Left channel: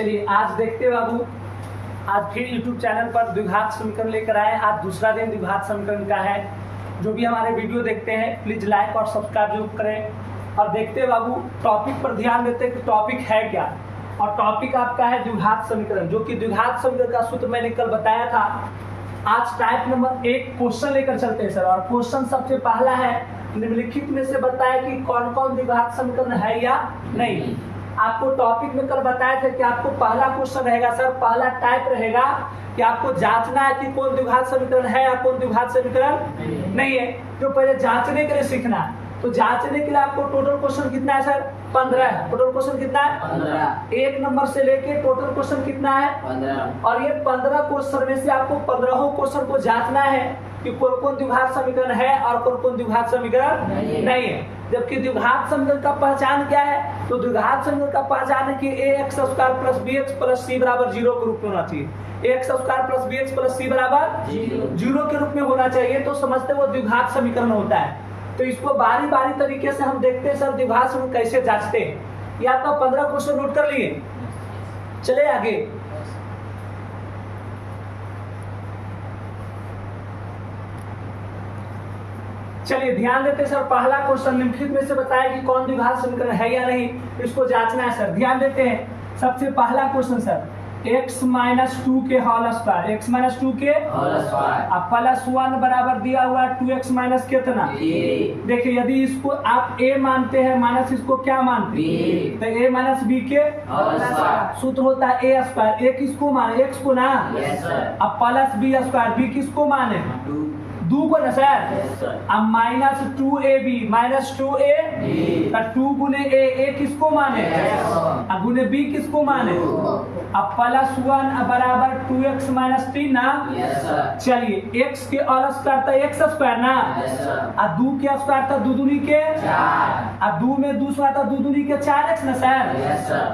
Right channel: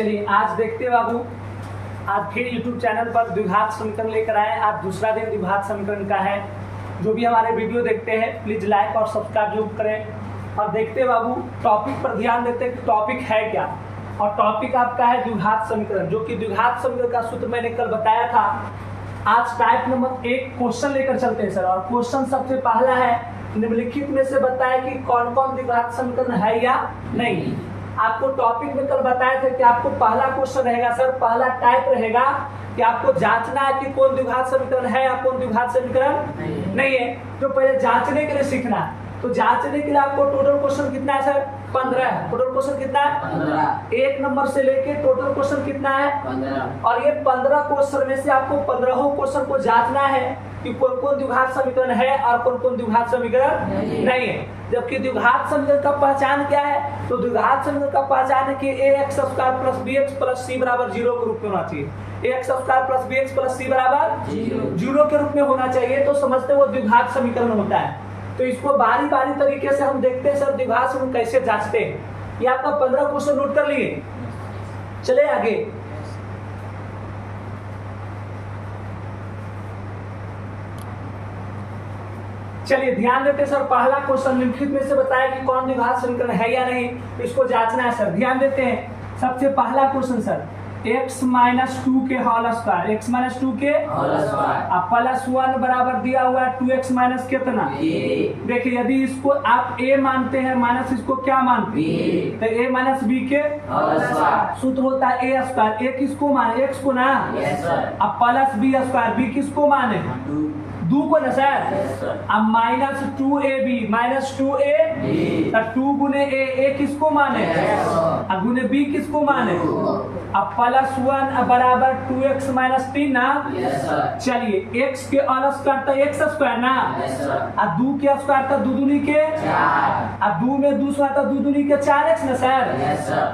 चलिए आज देखते हैं बाबू, आज फिर YouTube चैनल पर द्विघात समीकरण लेकर आए। आज दूसरा दिन द्विघात समीकरण का है। जो भी हमारे वीडियो देखते हैं प्लीज लाइक और सब्सक्राइब जरूर करें। और देखते हैं बाबू, टॉपिक पर ध्यान देते हैं कि टॉपिक है क्या। और टॉपिक आपका है द्विघात समीकरण, जो कि द्विघात समीकरण का सूत्र मैंने कल बताया था। आज टाइप नंबर 1 क्वेश्चन लेकर चलते हैं सर। और क्वेश्चन सबसे पहला है, निम्नलिखित में से बताया कि कौन कौन द्विघात समीकरण है या नहीं। आपको टॉपिक में कल बताया था कि आपको पहला क्वेश्चन रहेगा सर, पहला टाइप रहेगा कि आपको जांचना है कि कौन द्विघात समीकरण है या कौन द्विघात समीकरण नहीं है। जो पहले जांचने के लिए सीखना है, तो जांचने के लिए आपको टोटल क्वेश्चन कितना है सर? 15 है। टोटल क्वेश्चन कितना है? 15। 1 नंबर से लेके टोटल क्वेश्चन कितना है? 15। और ये 15 क्वेश्चन में से आपको 15 क्वेश्चन को जांचना है कि कौन कौन द्विघात समीकरण है और कौन कौन द्विघात समीकरण नहीं है। जबकि द्विघात समीकरण का पहचान क्या है? तो द्विघात समीकरण का पहचान है कि ax² + bx + c = 0 के रूप में होना चाहिए। ax² + bx + c = 0 के रूप में होना चाहिए, तो समझते वो द्विघात समीकरण होता है। तो इसको बारी बारी तरीके से हम देखते हैं सर द्विघात समीकरण कैसे जांचते हैं। ये आपका 15 क्वेश्चन नोट कर लिए। चले आगे। चलिए ध्यान देते सर, पहला क्वेश्चन निम्नलिखित में से बताया कि कौन द्विघात समीकरण है या नहीं, इसको जांचना है सर। ध्यान देते हैं, सबसे पहला क्वेश्चन सर, x - 2 के होल स्क्वायर, x - 2 के अब +1 बराबर दिया हुआ है 2x माइनस कितना। देखिए यदि इसको आप a मानते हैं माइनस इसको क्या मानते हैं, तो a - b के सूत्र होता है a²। a किसको माने? x को ना। अब +b², b किसको माने? 2 को ना सर। अब -2ab, -2a 2 गुने a किसको माने? अब गुने b किसको माने? अब +1 बराबर 2x - 3 ना। चलिए x के होल स्क्वायर तो x² ना। अब 2 के स्क्वायर तो 2 दूनी के 4। अब 2 में 2 स्क्वायर तो 2 दूनी के 4x ना सर।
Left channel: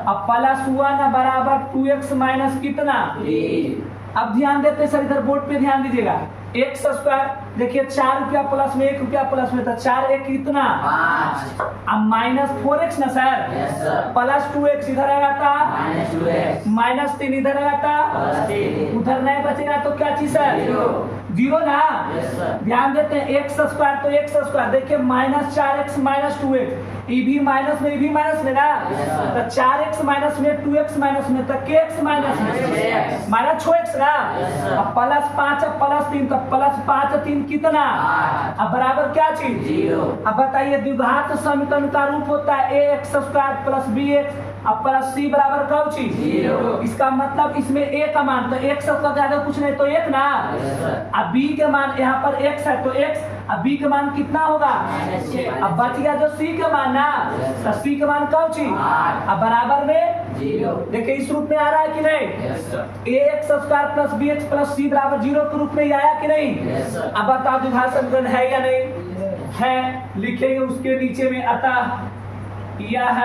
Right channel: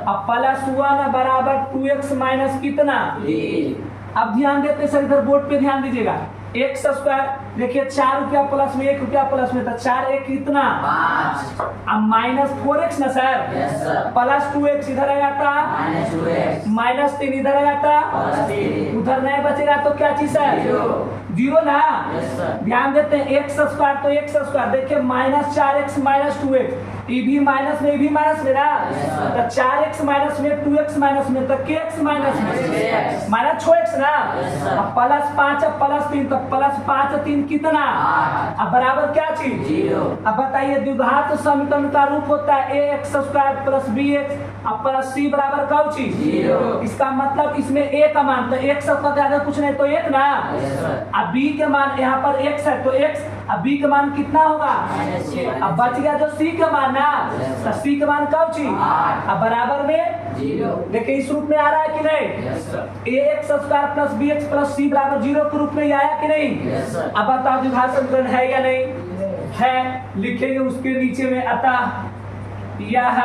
अब +1 बराबर 2x माइनस कितना। अब ध्यान देते हैं सर, इधर बोर्ड पे ध्यान दीजिएगा। x² देखिए 4 रुपया प्लस में 1 रुपया प्लस में, तो 4 1 कितना 5। अब -4x ना सर। +2x इधर आएगा था, -3 इधर आएगा था, उधर नहीं बचेगा तो क्या चीज है? 0 ना। ध्यान देते हैं x² तो x², देखिए -4x - 2x, ये भी माइनस में, ये भी माइनस में ना। तो 4x माइनस में 2x माइनस में, तो kx माइनस में -6x ना। अब +5 +3 तो +5 3 कितना। अब बराबर क्या चीज? 0। अब बताइए द्विघात समीकरण का रूप होता है ax² + bx अब +c बराबर कौन चीज? 0। इसका मतलब इसमें a का मान, तो x का ज्यादा कुछ नहीं तो 1 ना। अब b के मान यहाँ पर x है तो x, अब b का मान कितना होगा? अब बच गया जो c का मान ना, तो c का मान कौन चीज? अब बराबर में 0। देखिए इस रूप में आ रहा है कि नहीं? ax² + bx + c = 0 के रूप में आया कि नहीं? अब बताओ द्विघात समीकरण है या नहीं है। लिखेंगे उसके नीचे में अतः यह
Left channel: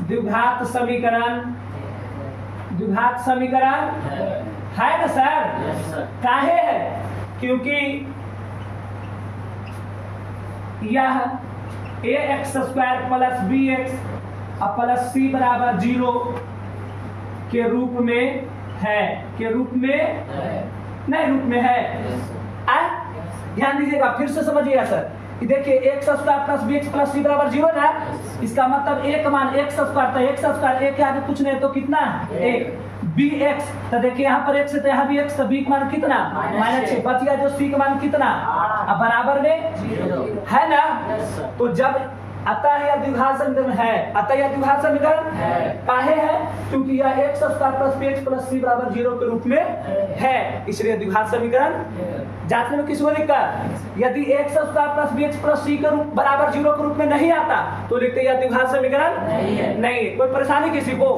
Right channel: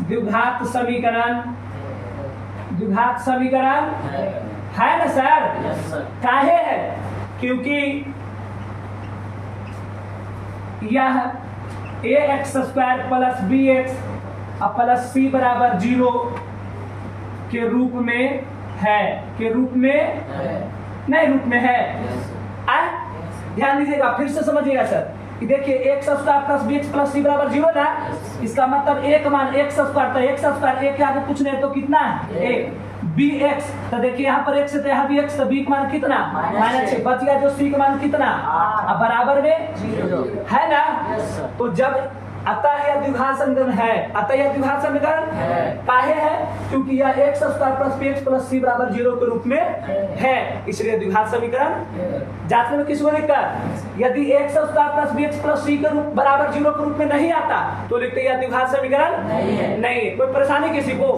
द्विघात समीकरण, द्विघात समीकरण है ना सर। काहे है? क्योंकि यह ax² + bx + c = 0 के रूप में है, के रूप में नहीं, रूप में है। ध्यान दीजिएगा, फिर से समझिएगा सर कि देखिए x² + bx + c = 0 ना। इसका मतलब एक मान x² तो x² एक के आगे कुछ नहीं तो कितना है? 1। bx तो देखिए यहाँ पर x है तो यहाँ भी x, तो b का मान कितना? -6। बच गया जो c का मान कितना। अब बराबर में 0 है ना। तो जब अतः यह द्विघात समीकरण है, अतः यह द्विघात समीकरण काहे है? क्योंकि यह x² + bx + c = 0 के रूप में है, इसलिए द्विघात समीकरण। जांचने में किसी को दिक्कत? यदि x² + bx + c के रूप = 0 के रूप में नहीं आता तो लिखते यह द्विघात समीकरण नहीं। कोई परेशानी किसी को?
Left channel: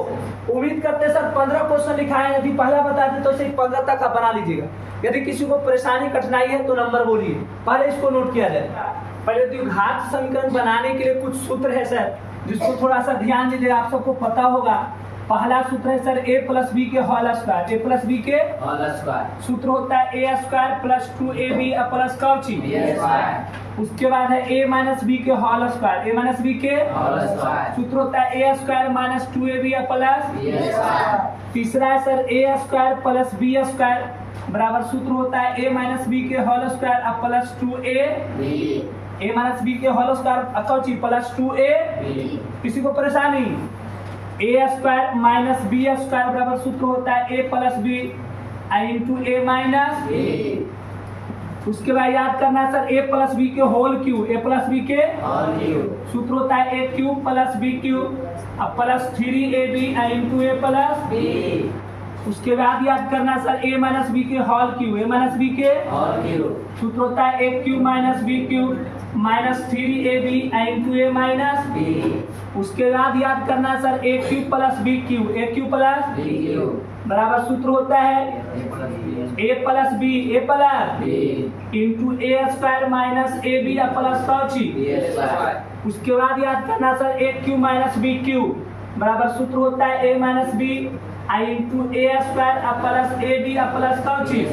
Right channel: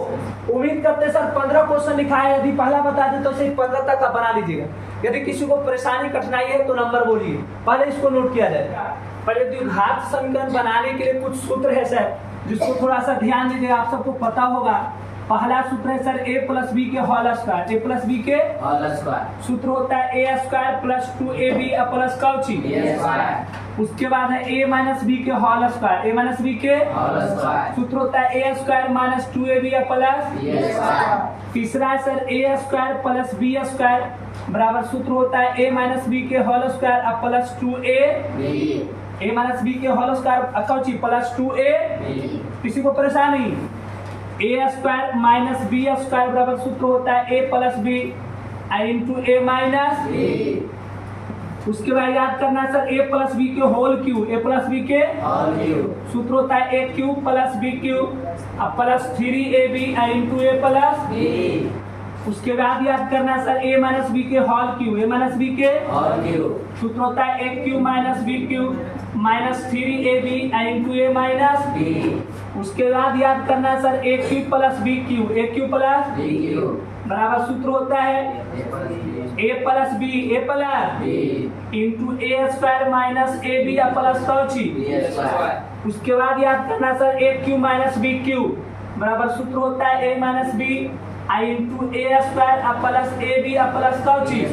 उम्मीद करते सर 15 क्वेश्चन लिखा है, यदि पहला बता दें तो सिर्फ 15 तक आप बना लीजिएगा। यदि किसी को परेशानी कठिनाई है तो नंबर बोलिए, पहले इसको नोट किया जाए। पहले द्विघात समीकरण बनाने के लिए कुछ सूत्र है सर, जिसको थोड़ा सा ध्यान दीजिएगा, आप सबको पता होगा। पहला सूत्र है सर a + b के होल स्क्वायर, a + b के होल स्क्वायर। सूत्र होता है a² + 2ab + कौची उसके बाद है a माइनस बी के whole square, a minus B के सूत्र होता है a square minus 2ab plus, तीसरा है sir a square plus b square बराबर सूत्र होता है a माइनस बी के whole square plus 2a minus B के होल स्क्वायर कौची प्लस 2a। किसी को परेशानी? a square minus B square बराबर सूत्र होता है a plus B into a minus B. उसके बाद याद करना है सर a प्लस बी के whole cube, a plus B के सूत्र होता है a cube plus B cube plus 3ab into a plus B. उसके बाद याद करना है सर a माइनस बी के whole cube, a minus B के सूत्र होता है a cube minus B cube minus 3ab into a minus B. उसके बाद याद करना है sir a cube plus B cube, a cube plus बराबर सूत्र होता है a plus B into a square minus A B plus कौची। उसके बाद याद करना sir a cube minus B cube बराबर सूत्र होता है a minus B into a square plus A B plus कौची।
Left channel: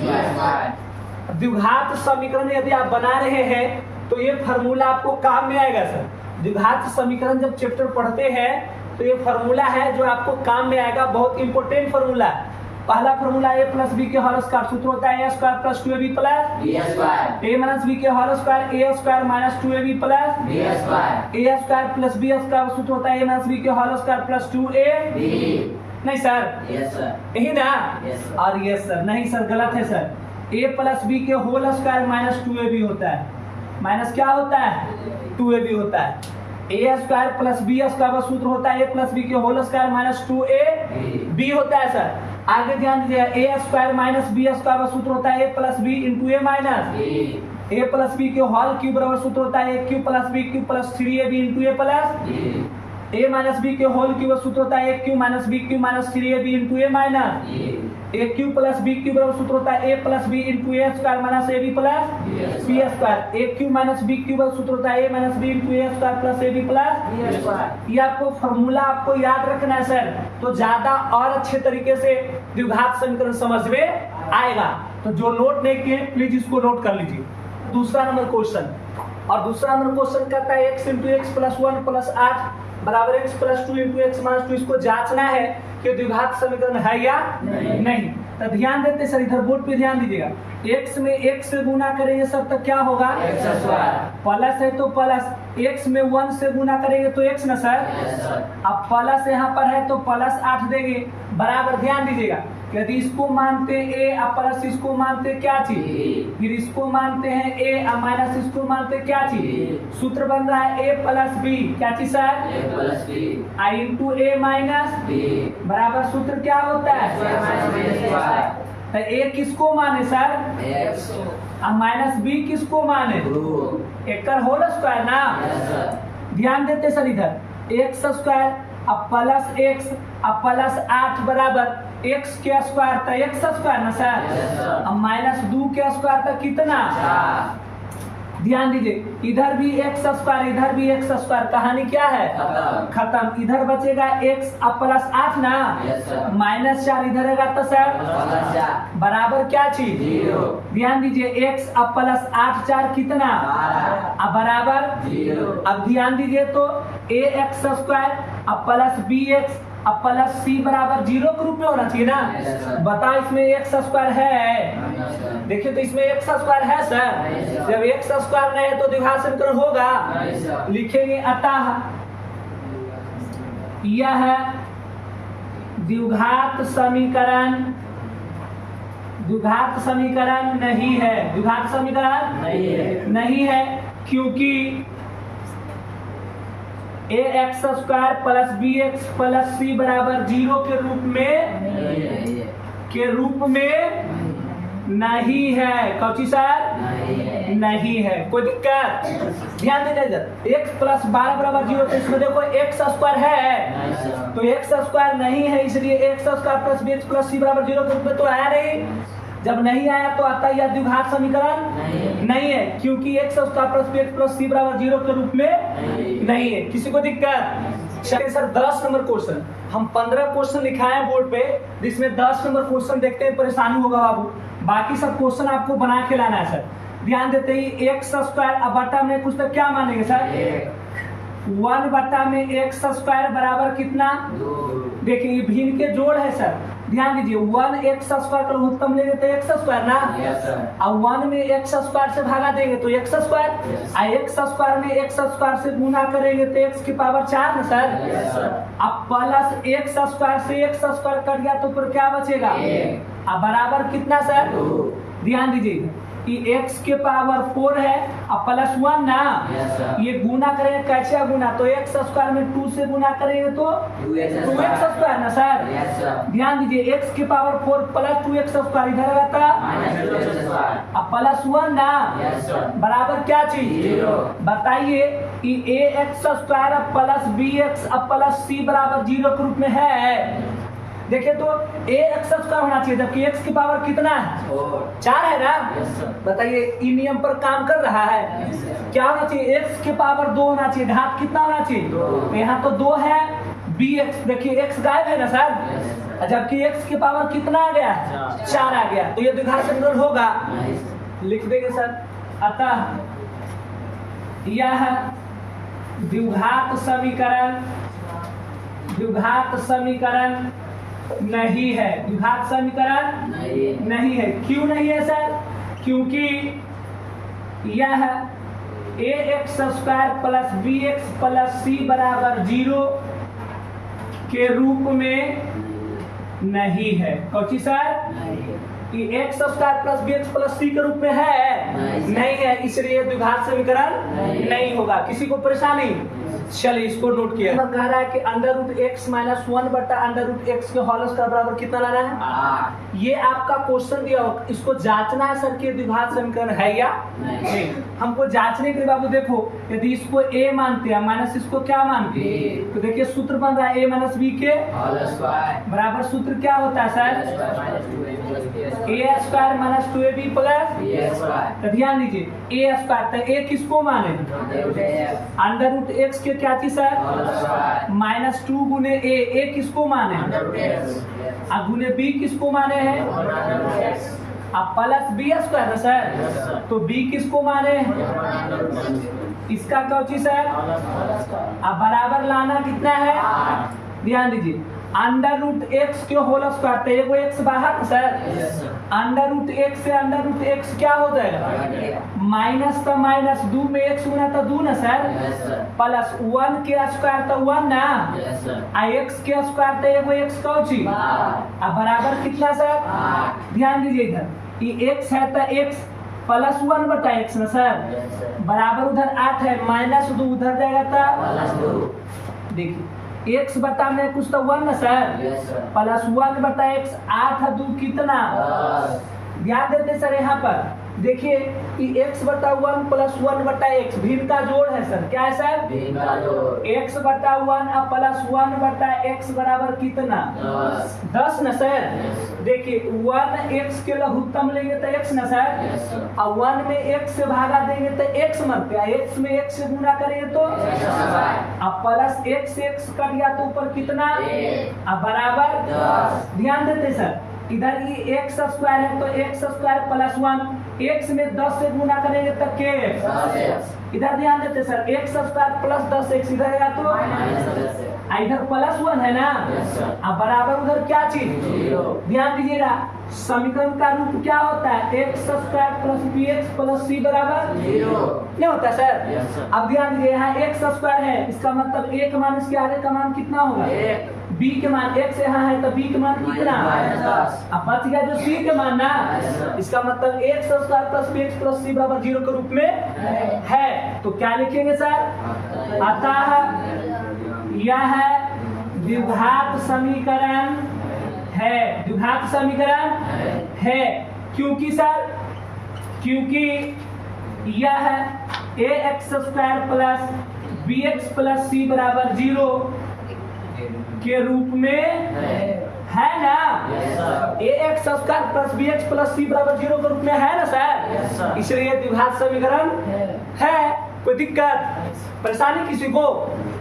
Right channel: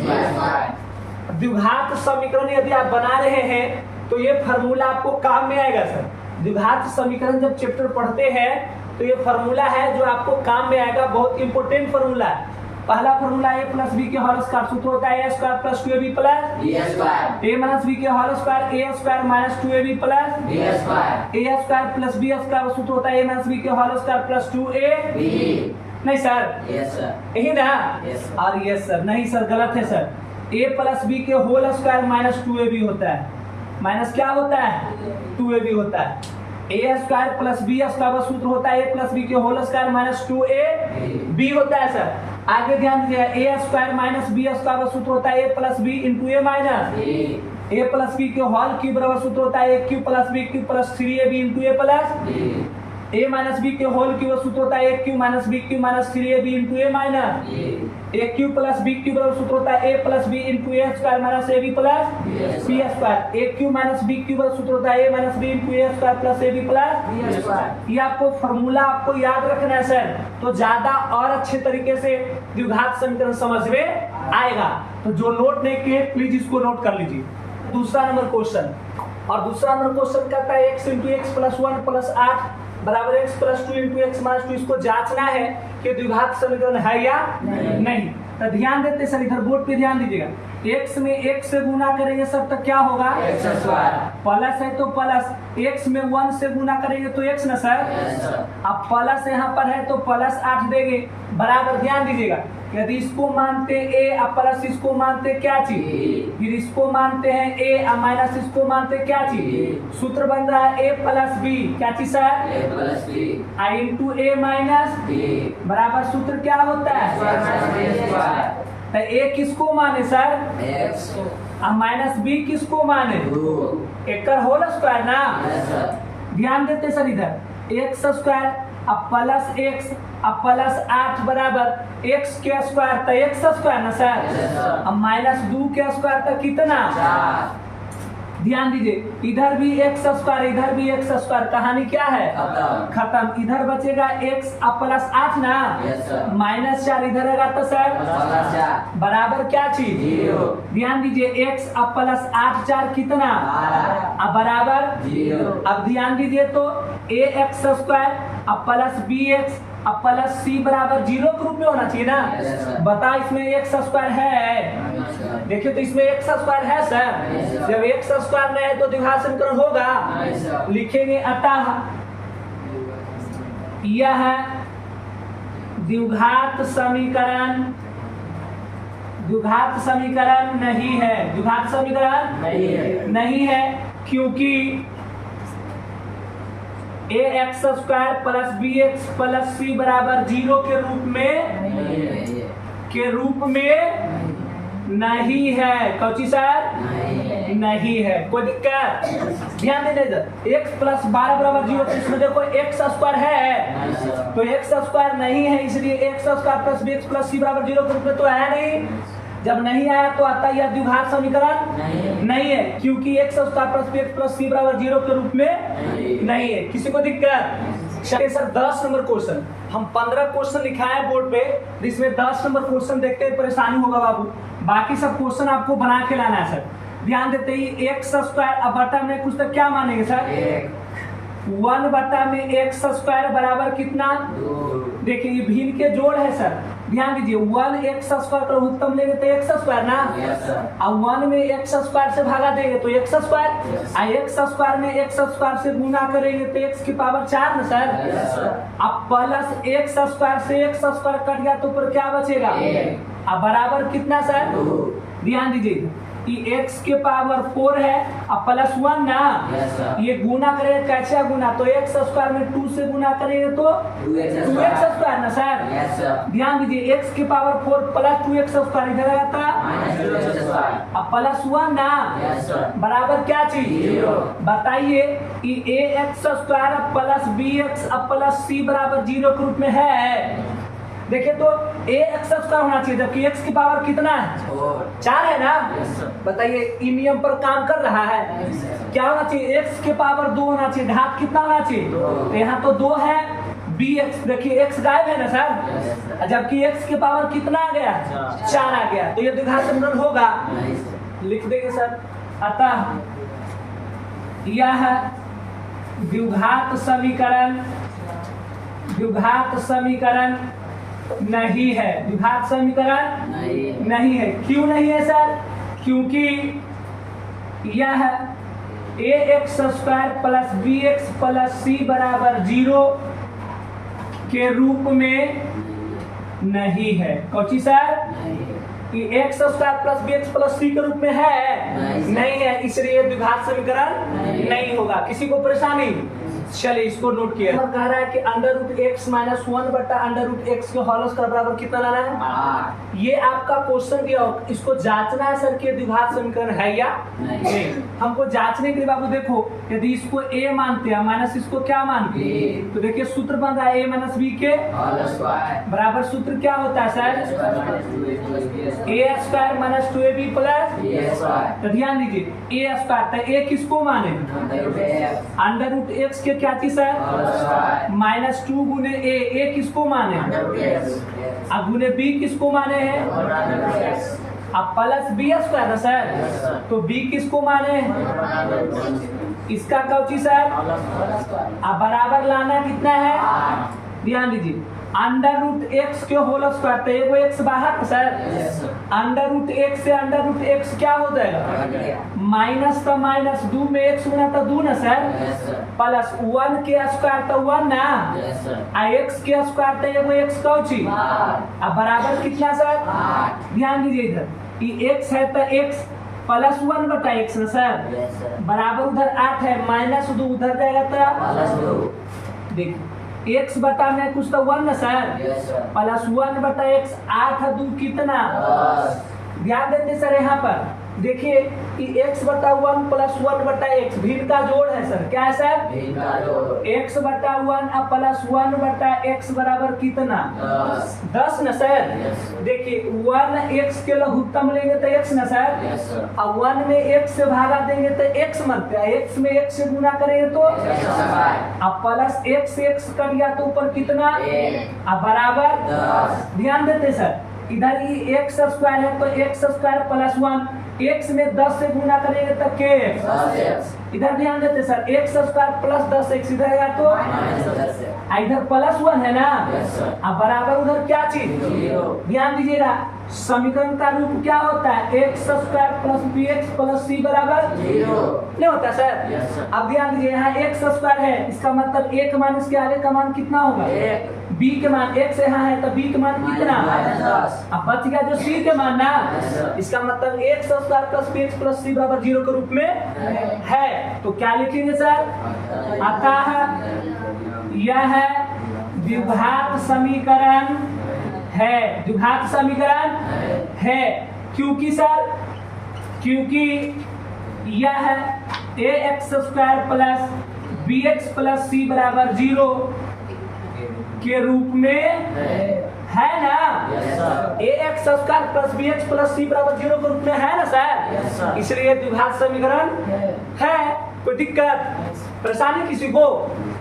द्विघात समीकरण यदि आप बना रहे हैं तो ये फार्मूला आपको काम में आएगा सर। द्विघात समीकरण जब चैप्टर पढ़ते हैं तो ये फार्मूला है जो आपको काम में आएगा, बहुत इंपॉर्टेंट फार्मूला है। पहला फार्मूला a प्लस बी के होल स्क्वायर सूत्र होता है a square plus 2ab plus a minus B के whole square a square minus 2ab plus a square plus b square सूत्र होता है a माइनस बी के होल स्क्वायर प्लस 2a। नहीं सर, यही ना? और यस सर, नहीं सर गलत है सर। a प्लस बी के होल स्क्वायर माइनस 2ab होता है, माइनस क्या होता है 2ab होता है। a square plus B square सूत्र होता है a प्लस बी के होल स्क्वायर माइनस 2ab होता है सर। आगे ध्यान दीजिए a square minus B square सूत्र होता है a plus B into A minus a plus B के होल क्यूब बराबर सूत्र होता है a cube plus B cube plus 3ab into A plus a minus B के होल क्यूब सूत्र होता है a cube minus B cube minus 3ab into A minus a cube plus B cube बराबर सूत्र होता है a plus B into A square minus ab plus B square. a cube minus B cube सूत्र होता है a minus B into A square plus ab plus B square. ये आपको formula आपको याद रखना है सर, तो ज्यादा और अच्छे तरीके से द्विघात समीकरण समझ में आएगा। तो जो नोट नहीं किए प्लीज इसको नोट कर लीजिए। दूसरा नंबर क्वेश्चन, और दूसरा नंबर क्वेश्चन कहता है x into x plus 1 plus 8 बराबर x plus 2 into x minus 2। इसको जांचना है कि द्विघात समीकरण है या नहीं। तो ध्यान देते सर, इधर बोर्ड पे ध्यान दीजिएगा। x में x से गुना करेंगे सर तो क्या होगा x स्क्वायर, प्लस है तो प्लस, x में 1 से गुना करेंगे तो x ना सर। अब प्लस यहाँ पर है तो प्लस 8 देंगे बराबर। ध्यान दीजिएगा, यदि इसको मानते a और प्लस इसको मानते क्या चीज, फिर इसको मानते हैं a और माइनस इसको मानते क्या चीज, सूत्र बन रहा है a प्लस बी क्या चीज sir a plus B into a minus B बराबर सूत्र क्या होता है। तो a किसको माने सर x और माइनस b किसको माने एक होल स्क्वायर ना। ध्यान देते सर, इधर एक्स स्क्वायर अब प्लस एक्स अब प्लस 8 बराबर एक्स के स्क्वायर तो एक्स स्क्वायर ना सर। अब माइनस 2 के स्क्वायर तो कितना 4। ध्यान दीजिए, इधर भी एक्स स्क्वायर इधर भी एक्स स्क्वायर, कहानी क्या है खत्म। इधर बचेगा एक्स अब प्लस 8 ना माइनस 4 इधर रहेगा तो सर बराबर क्या चीज 0। ध्यान दीजिए, एक्स अब प्लस 8 4 कितना अब बराबर 0। अब ध्यान दीजिए तो ए एक्स स्क्वायर अब प्लस बी एक्स अब प्लस सी बराबर 0 के रूप में होना चाहिए ना। बताओ इसमें एक्स स्क्वायर है, देखिए तो इसमें एक्स स्क्वायर है सर। जब एक्स स्क्वायर नहीं है तो द्विघात समीकरण होगा, लिखेंगे अतः यह द्विघात समीकरण नहीं है। द्विघात समीकरण नहीं है क्योंकि A x square plus B x plus C बराबर 0 के रूप में नहीं है। कौची सर नहीं है, कोई दिक्कत। ध्यान देना इधर, एक्स प्लस 12 बराबर 0 तो इसमें देखो एक्स स्क्वायर है तो एक्स स्क्वायर नहीं है, इसलिए x square plus B x plus C बराबर 0 के रूप में तो आया नहीं। जब नहीं आया तो आता यह द्विघात समीकरण नहीं है क्योंकि x square plus B x plus C बराबर 0 के रूप में नहीं है। किसी को दिक्कत? चलिए सर 10 नंबर क्वेश्चन, हम 15 क्वेश्चन लिखाए बोर्ड पे, जिसमें 10 नंबर क्वेश्चन देखते हैं परेशानी होगा बाबू। बाकी सब क्वेश्चन आपको बना के लाना है सर। ध्यान देते ही एक्स स्क्वायर, अब बटा में कुछ तो क्या मानेंगे सर, 1 बटा में एक्स स्क्वायर बराबर कितना, देखिए ये भिन्न के जोड़ है सर, ध्यान दीजिए 1 एक्स स्क्वायर का लघुत्तम लेंगे तो एक्स स्क्वायर ना, अब 1 में एक्स स्क्वायर से भागा देंगे तो एक्स स्क्वायर, और एक्स स्क्वायर में एक्स स्क्वायर से गुना करेंगे तो एक्स की पावर 4 ना सर, अब प्लस एक्स स्क्वायर से एक्स स्क्वायर कट गया तो ऊपर क्या बचेगा, अब बराबर कितना सर, ध्यान दीजिए कि x के पावर 4 है अब प्लस 1 ना, ये गुना करेंगे कैसे गुना, तो एक्स स्क्वायर में 2 से गुना करेंगे तो 2x स्क्वायर ना सर, ध्यान दीजिए x के पावर 4 प्लस 2x स्क्वायर इधर आता अब प्लस 1 ना, बराबर क्या चीज, बताइए कि ax स्क्वायर अब प्लस bx अब प्लस c बराबर 0 के रूप में है। देखिए तो a एक्स स्क्वायर होना चाहिए जबकि x की पावर कितना है, 4 है ना, बताइए इन नियम पर काम कर रहा है, क्या होना चाहिए, x के पावर 2 होना चाहिए, घात कितना होना चाहिए, तो यहाँ तो 2 है, bx देखिए x गायब है ना सर, जबकि x के पावर कितना आ गया, 4 आ गया, तो ये द्विघात समीकरण होगा, लिख देंगे सर। अतः यह द्विघात समीकरण नहीं है, द्विघात समीकरण नहीं है। क्यों नहीं है सर, क्योंकि यह ax square plus bx plus c बराबर 0 के रूप में नहीं है। कौची सर, कि x square plus bx plus c के रूप में है, नहीं है, इसलिए द्विघात समीकरण नहीं होगा। किसी को परेशानी, चलिए इसको नोट किया, कह रहा है कि अंडर रूट एक्स माइनस 1 बटा अंडर रूट एक्स के होल स्क्वायर बराबर कितना लाना है, ये आपका क्वेश्चन दिया हो, इसको जांचना है सर कि द्विघात समीकरण है या नहीं। हमको जांचने के लिए बाबू देखो, यदि इसको a मानते हैं माइनस इसको क्या मानते हैं, तो देखिए सूत्र बन रहा है a माइनस b के बराबर, सूत्र क्या होता है sir, a square minus 2ab plus, तो ध्यान दीजिए a स्क्वायर, तो a किसको माने, अंडर रूट एक्स के क्या चीज है, माइनस 2 गुने a किसको माने, अब गुने b किसको माने हैं, अब प्लस b स्क्वायर ना सर, तो b किसको माने, इसका क्या चीज है, अब बराबर लाना कितना है, ध्यान दीजिए अंडर रूट एक्स के होल स्क्वायर, तो एगो एक्स बाहर सर, अंडर रूट एक्स से अंडर रूट एक्स क्या हो जाएगा, माइनस तो माइनस 2 में एक्स गुना तो 2 ना सर, प्लस 1 के स्क्वायर तो 1 ना, एक्स के स्क्वायर तो एगो एक्स कौची, अब बराबर कितना सर, ध्यान दीजिए इधर कि एक्स है तो एक्स प्लस 1 बटा एक्स ना सर, बराबर उधर 8 है, माइनस 2 उधर जाएगा तो देखिए x बटा में कुछ तो 1 ना सर, प्लस 1 बटा x 8 2 कितना, ध्यान देते सर यहाँ पर देखिए कि x बटा 1 प्लस 1 बटा x भिन्न का जोड़ है सर, क्या है सर, x बटा 1 अब प्लस 1 बटा x बराबर कितना, 10 ना सर, देखिए 1 x के लघुत्तम लेंगे तो x ना सर, अब 1 में x से भागा देंगे तो x मरते हैं, x में x से गुना करेंगे तो अब प्लस x से x कर लिया तो ऊपर कितना, अब बराबर, ध्यान देते सर इधर ये एक्स स्क्वायर है तो एक्स स्क्वायर प्लस 1, एक्स में 10 से गुना करेंगे तो के, इधर ध्यान देते sir x square plus 10x इधर आएगा तो इधर प्लस 1 है ना, अब बराबर उधर क्या चीज, ध्यान दीजिएगा समीकरण का रूप क्या होता है, x square plus bx plus c बराबर 0 नहीं होता सर। अब ध्यान दीजिए यहाँ एक्स स्क्वायर है, इसका मतलब एक मान इसके आगे का मान कितना होगा, b के मान x यहाँ है तो b के मान कितना, अब बच गया जो c के मान ना, इसका मतलब x square plus bx plus c बराबर 0 के रूप में है, तो क्या लिखेंगे सर, अतः यह द्विघात समीकरण है, द्विघात समीकरण है, क्योंकि सर, क्योंकि यह ax square plus bx plus c बराबर 0 के रूप में है ना, ax square plus bx plus c बराबर 0 के रूप में है ना सर, इसलिए द्विघात समीकरण है। कोई दिक्कत परेशानी किसी को,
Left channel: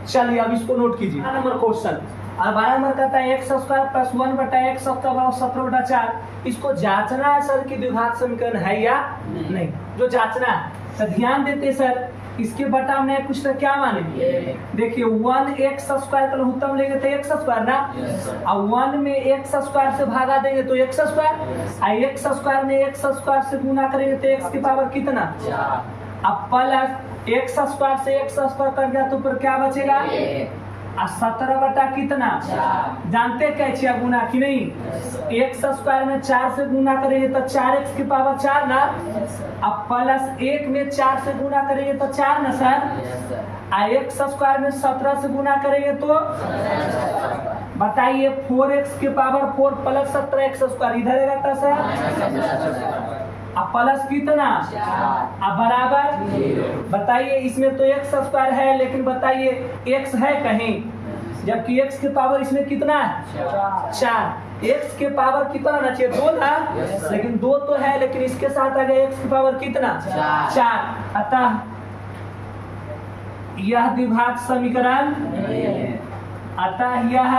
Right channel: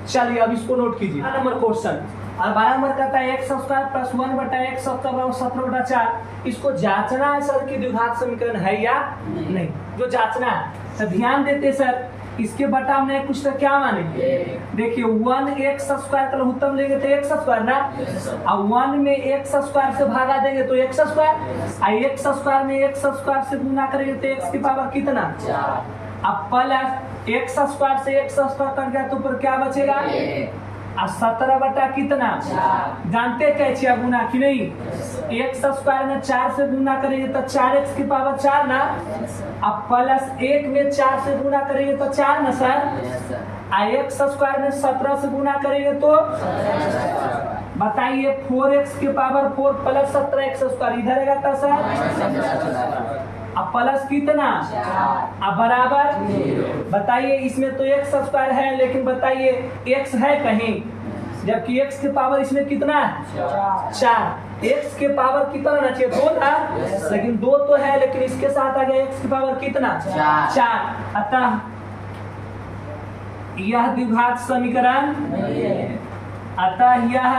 चलिए अब इसको नोट कीजिए। नंबर क्वेश्चन और 12 नंबर कहता है एक्स स्क्वायर प्लस 1/x बराबर 17/4। इसको जांचना है सर कि द्विघात समीकरण है या नहीं, जो जांचना है। तो ध्यान देते सर, इसके बटा में कुछ तो क्या माने, देखिए 1x स्क्वायर का लघुत्तम लेंगे तो x स्क्वायर ना, और 1 में x स्क्वायर से भागा देंगे तो x स्क्वायर, और x स्क्वायर में x स्क्वायर से गुना करेंगे तो x की पावर कितना, अब प्लस x स्क्वायर से x स्क्वायर कर गया तो ऊपर क्या बचेगा, 17 बटा कितना, जानते कैसे गुना कि नहीं, एक्स स्क्वायर में 4 से गुना करेंगे तो 4x की पावर 4 ना, अब प्लस 1 में 4 से गुना करेंगे तो 4 ना सर, एक्स स्क्वायर में 17 से गुना करेंगे तो बताइए 4x की पावर 4 प्लस 17x स्क्वायर इधर रहेगा सर, अब प्लस कितना, अब बराबर, बताइए इसमें तो एक्स स्क्वायर है लेकिन बताइए एक्स है कहीं, जबकि एक्स के पावर इसमें कितना है 4, एक्स के पावर कितना ना चाहिए 2 ना, लेकिन 2 तो है लेकिन इसके साथ आ गया एक्स की पावर कितना 4, अतः यह द्विघात समीकरण, अतः यह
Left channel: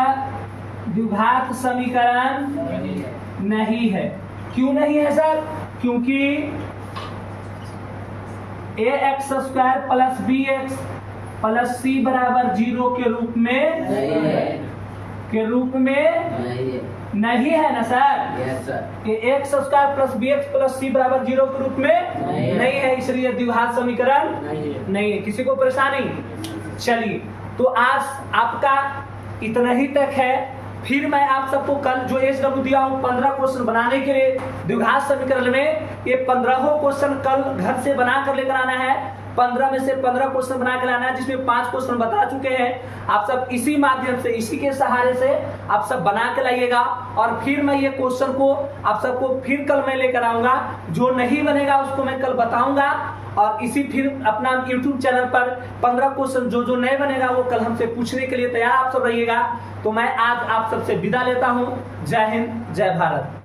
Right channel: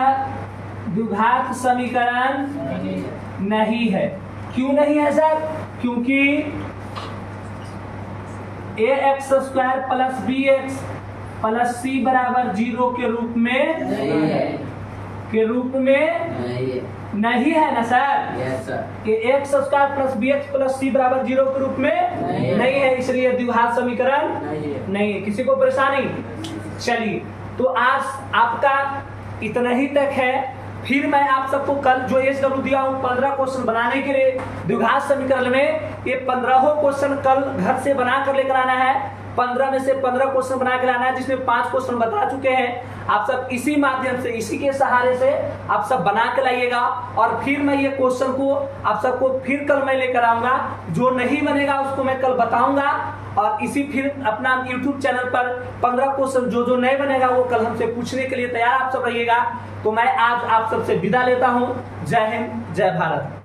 द्विघात समीकरण नहीं है। क्यों नहीं है सर, क्योंकि ax square plus bx plus c बराबर 0 के रूप में नहीं है ना सर, कि x square plus bx plus c बराबर 0 के रूप में नहीं है, इसलिए द्विघात समीकरण नहीं है। किसी को परेशानी, चलिए तो आज आपका इतना ही तक है। फिर मैं आप सबको कल जो SW दिया हूँ 15 क्वेश्चन बनाने के लिए द्विघात समीकरण में, ये 15 क्वेश्चन कल घर से बना कर लेकर आना है। 15 में से 15 क्वेश्चन बना कर लाना है, जिसमें 5 क्वेश्चन बता चुके हैं। आप सब इसी माध्यम से, इसी के सहारे से आप सब बना के लाइएगा, और फिर मैं ये क्वेश्चन को आप सबको फिर कल मैं लेकर आऊंगा। जो नहीं बनेगा उसको मैं कल बताऊंगा, और इसी फिर अपना YouTube चैनल पर 15 क्वेश्चन जो नए बनेगा वो कल हमसे पूछने के लिए तैयार आप सब रहिएगा। तो मैं आज आप सबसे विदा लेता हूँ। जय हिंद, जय भारत।